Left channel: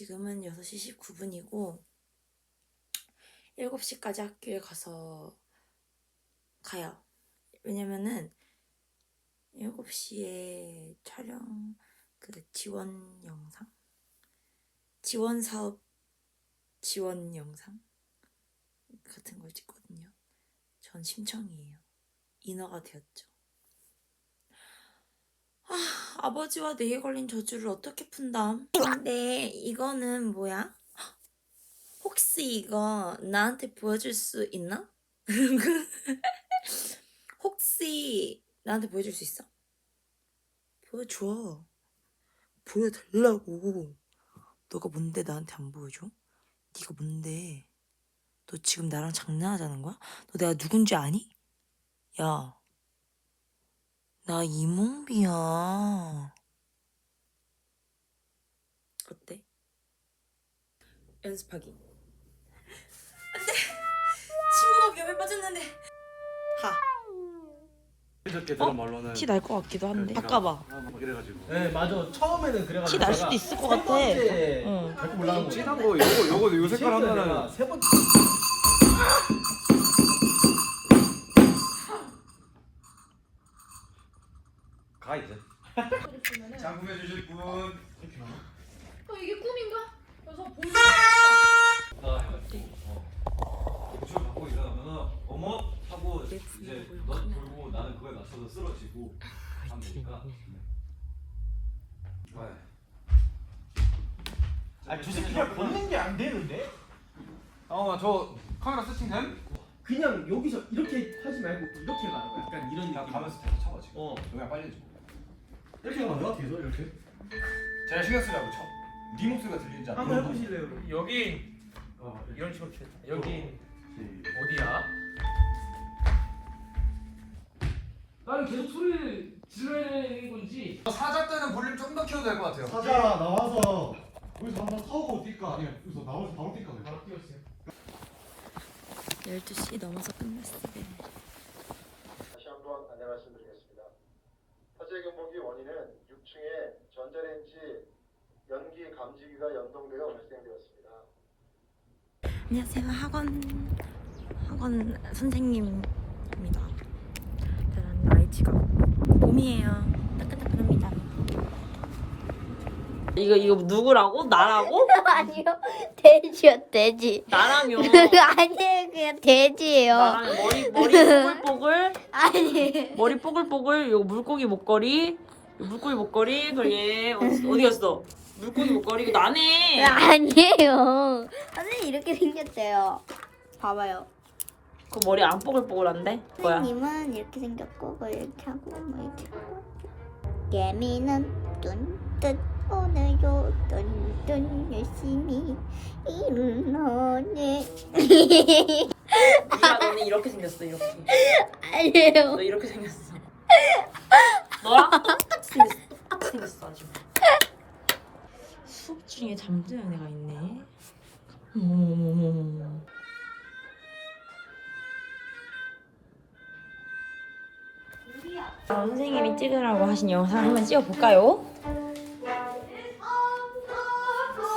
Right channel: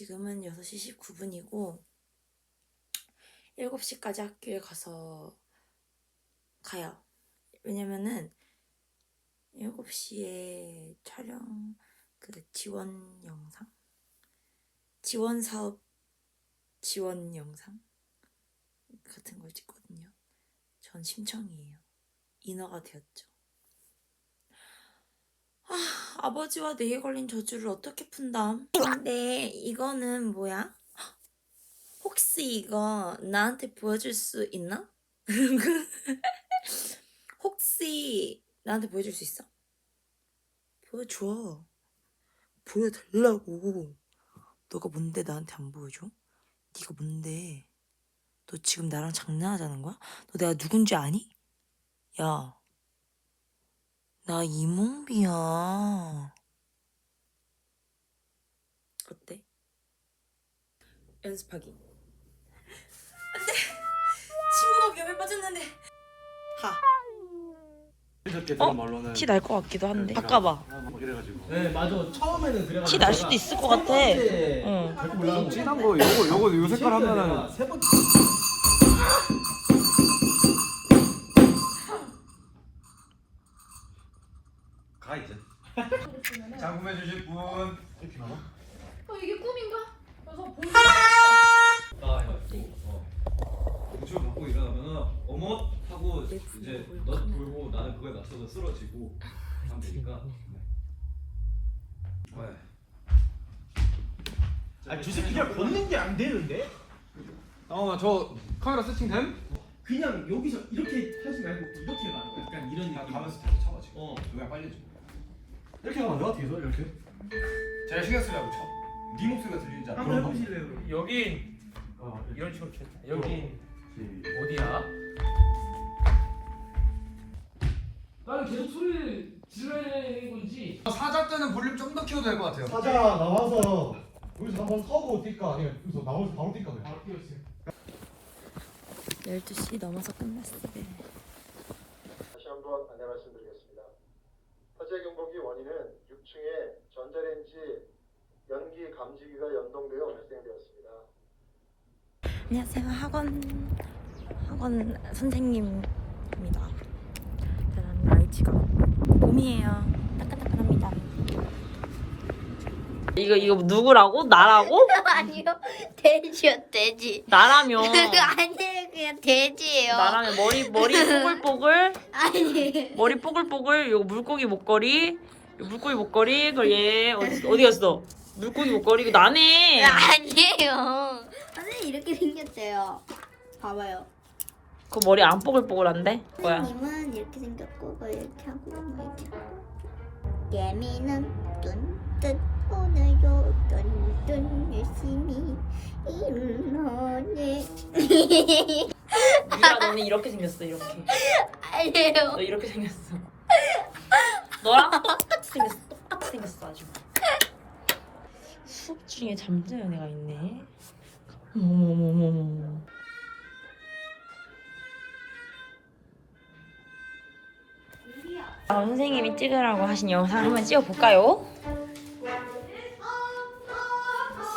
지금은 6시 19분이고 7시까지 학교에 가서 가요. 왜냐면은 7시에 촬영 그 지원 영상 지원 사업 지원 영상 같은 걸 찍거든요. 전 심청이에요. 인어가 되었죠. 아, 아버지와 내게 걸린 저주를 어떻게 푼담? 근데 이거는 뭐야? 혹시 이거 나한테 보여줄 수 있나? 혹시 나한테 보여줄 수 있어? 보여줘. 보여달라고. 너가 뭔데 나한테 안 보여줘? 네가 뭔데? 너 지금 나랑 장난하자는 거야? 너 내가 누군지 아니? 야, 나 이몽비야. 어때? 연습하기. 안돼. 친구가 위험에 빠졌는데. 하. 이렇게 어? 들은 말로는 티 날 것 같기도 한데. 그 바꿔봐. 네가 막 이래가지고 네 맞아 처음에는 그래가지고 티 날 수도 있을 것세 같아. 번째 응. 밟고 올라간 거 진한 거 요거 요거 요 색깔 하면은 세 번째 가 이제. 작품해 주실 분. 어, 이게 꿈인가? 그래서 보는 나 이거 대출 받고 일어나면은 어머? 하고 이제 너 돌고 나는 그거에 맞춰서 쓰러지고 하면 되니까. 아, 저 새끼가 걷는 게 안 되는데? 어저 카메라 세팅됨? 그냥 여기서 이렇게 하지 말고 이렇게 가는 거야. 약간 이런 나 느낌. 가면서 계속 잡아 지금 어. 여기가 빨리 줘 이렇게 가면 내가 뒤에서 이렇게. 제가 신경 쓰냐고 쳐. 네 목소리가 들리지 않아? 한번 해보실래요? 그럼? 여기 어, 이런 식으로 쳤다. 여기 시- 어디야? 나는 계속 소리를 질러야 되는 건지. 사자 때는 볼륨 좀 더 키워도 될 것 같아요 사자 나와서 여기서 한번 서고 뛸까 아니면 여기서 나와서 바로 뛸까. 바로 뛰었어요. 12시 넘어서 끝났어요. 다시 한번 안내 말씀드리겠습니다. 화재 경보기 원인은 6층에 전자레인지 연기 감지기가 연동되어 발생되었습니다. 안녕하세요. 학원 학원 선생님입니다. 저는 나이치가 봄이에요. 따끈따끈합니다. 이거 이거 누구라고? 나라고? 아니요 돼지요 돼지 나라면 아니에요 그냥 돼지예요 나라면 머리 머리 뽀글뽀글 아니 머리 뽀글뽀글 요거 물고기 목걸이 요 물고기 목걸이 그얘 어디 어디 갔어? 물고기 목걸이 이거 나네. 아니에요 선생님 이렇게 생겼대요 봐봐요 그 머리 안 뽀글뽀글한데? 뭐야? 선생님은 이렇게 생겼고 뭐 이렇게 하고 뭐 이렇게 하고 예미는 뚠뜻 오늘도 뚠뚠 열심히 일어내 미라 너는 이렇게 생겼어 이렇게. 아니에요 너 이렇게 생겼어. 너랑 똑 같이 생겼어. 똑같이 생겼어 아주. 수업 중에 잠드는 애가 있네. 어머머머머. 아, 선생님이 찍으라고 하신 영상 한번 찍어볼까요?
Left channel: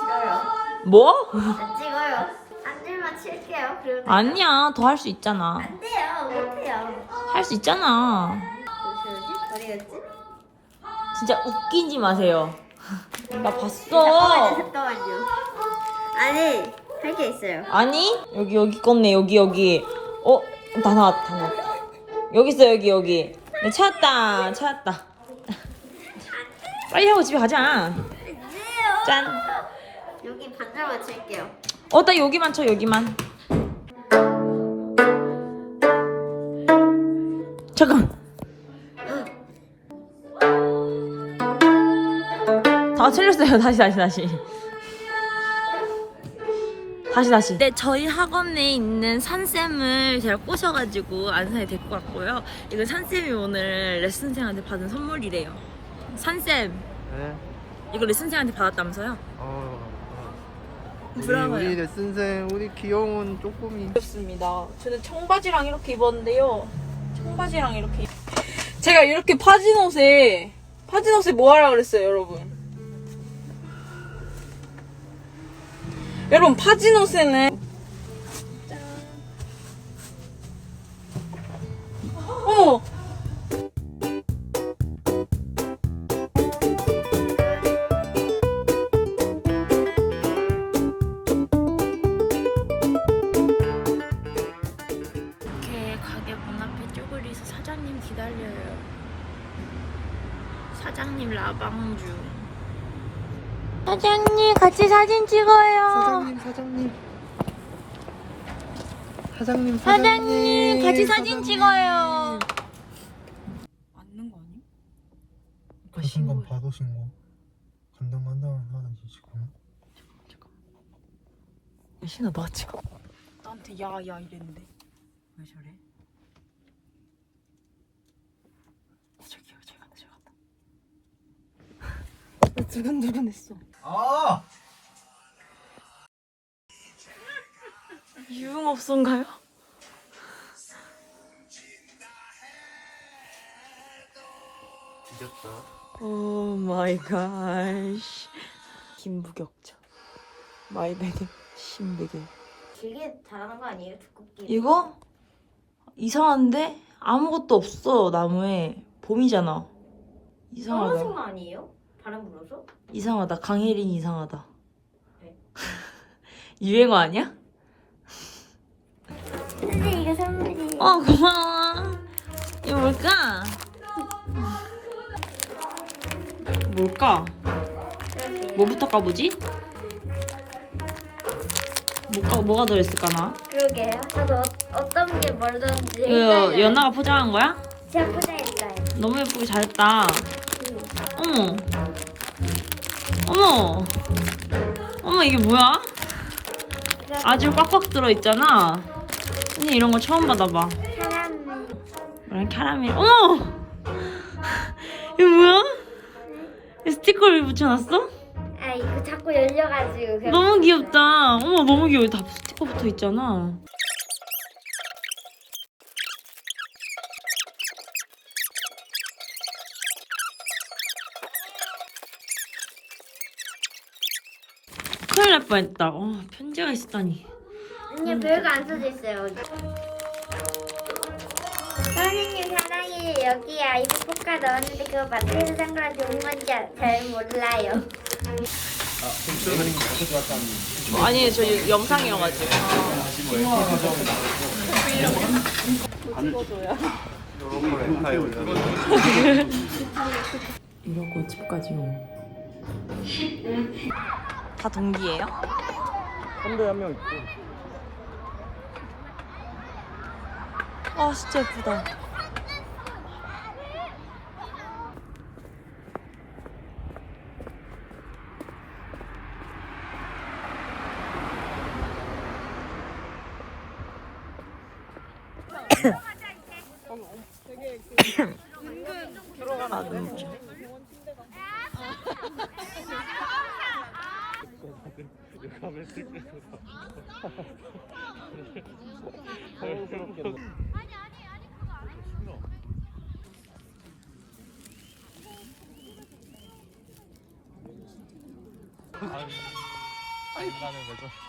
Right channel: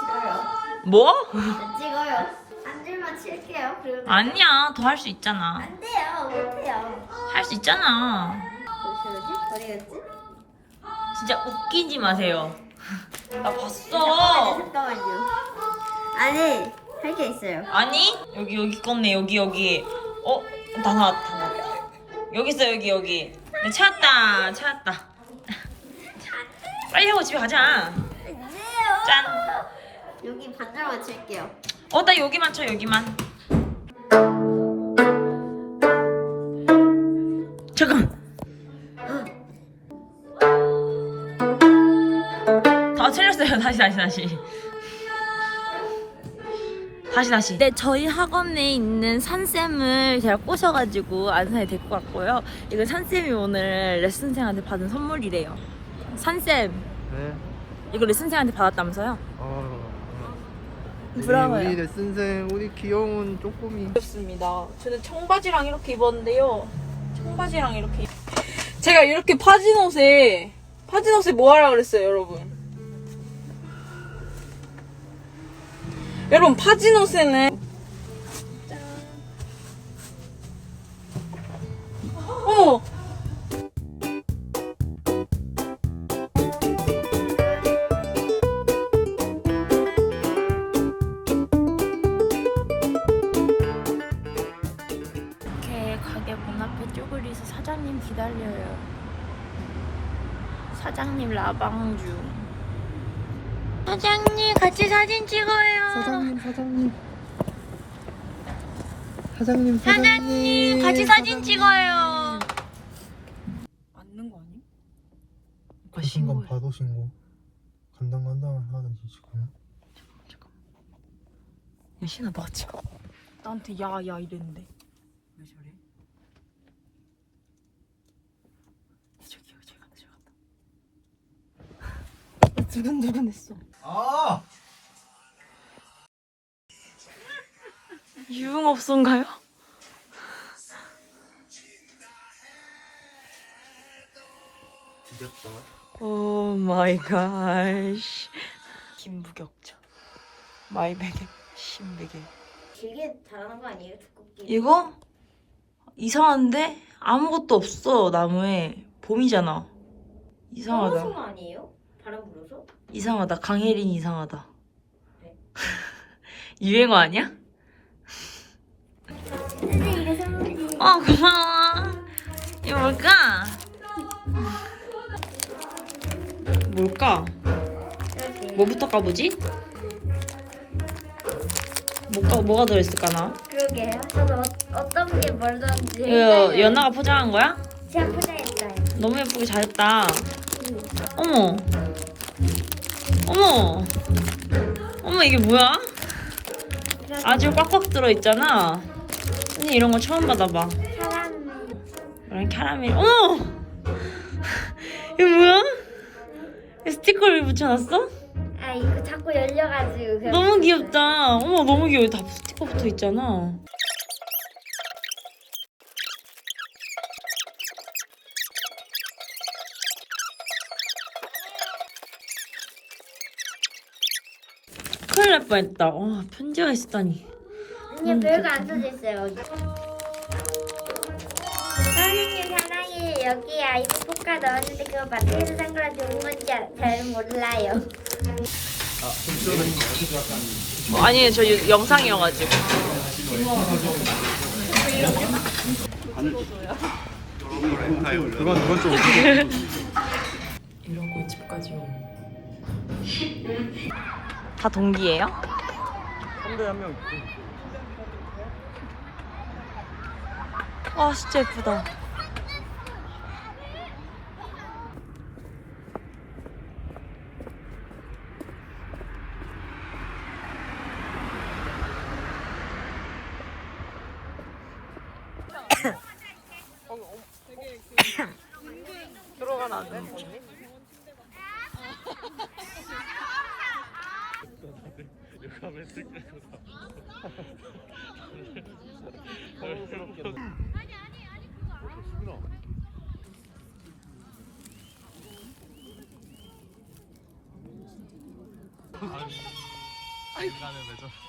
싫어요 뭐? 안 찍어요 한 줄만 칠게요 그러면 아니야 더 할 수 있잖아. 안 돼요 못해요 할 수 있잖아. 어디 갔지? 진짜 웃기지 마세요. 나 봤어. 잠깐만요. 아니 할 게 있어요. 아니 여기 여기 껐네 여기 여기 어 다 나왔다 다 나왔다 여기 있어 여기 여기 네, 찾았다 찾았다 빨리 하고 집에 가자 짠 여기 반절 맞출게요. 어, 나 여기만 쳐, 여기만. 잠깐. 다 틀렸어요. 다시, 다시, 다시. 다시, 다시. 네, 저희 학원에 있는 산쌤을 제가 꼬셔가지고 안산에 데리고 왔고요. 이거 산쌤이 오늘 레슨생한테 받은 선물이래요. 산쌤, 네. 이거 레슨생한테 받았다면서요? 어. 부러워요. 우리 레슨생 우리 귀여운 쪼꼬미. 입었습니다. 저는 청바지랑 이렇게 입었는데요. 청바지랑 이렇게. 제가 이렇게 파진 옷에, 파진 옷에 뭐 하라 그랬어요, 여러분? 여러분 파지노세네. 어머. 이렇게 가게 문 앞에 쪼그리서 사장님 기다려요. 사장님 라방 중. 사장님 같이 사진 찍어요. 사장님 사장님 사장님 사장님 같이 사진 찍어요. 맞는 거 아니? 오빠 신고. 봐도 신고 간당 간당을 하든지 지금 야 신아 너가 찍어. 나한테 야야 이랬는데. 왜 저래? 저기요 저기 간다 저기 간다. 나 두근두근했어. 아 유흥업소인가요? 뒤졌다 오 마이 갓. 김부격자. 마이베개 신베개. 되게 잘하는 거 아니에요? 두껍게. 이거 이상한데 아무것도 없어 나무에 봄이잖아. 이상하다. 거 아니에요? 바람 불어서? 이상하다. 강혜린 이상하다. 네. 유행어 아니야? 선생님 이거 선물이에요. 어 고마워. 이거 뭘까? 뭘까? 뭐부터 까보지? 뭐가 뭐가 들어있을까 나? 그러게요. 저도 어, 어떤 게 멀던지. 그 연아가 포장한 거야? 제가 포장했어요. 너무 예쁘게 잘했다. 어머. 어머. 어머 이게 뭐야? 아주 꽉꽉 들어 있잖아. 언니 이런 거 처음 받아봐. 응, 카라멜. 어머! 이거 뭐야? 이 스티커를 붙여놨어? 아 이거 자꾸 열려가지고 너무 귀엽다. 어머 너무 귀여워. 다 스티커 붙어 있잖아. 뻔했다. 와 편지가 있었다니. 아니 별거 안 써져 있어요. 선생님 사랑해 여기 아이스 포카 넣었는데 그거 마트에서 산 거랑 좋은 건지 잘 몰라요. 아니 저 영상이어가지고. 이러고 집까지 오. 다 동기예요? 선배 한 명 있고 아 진짜 예쁘다. 아니 라는 거죠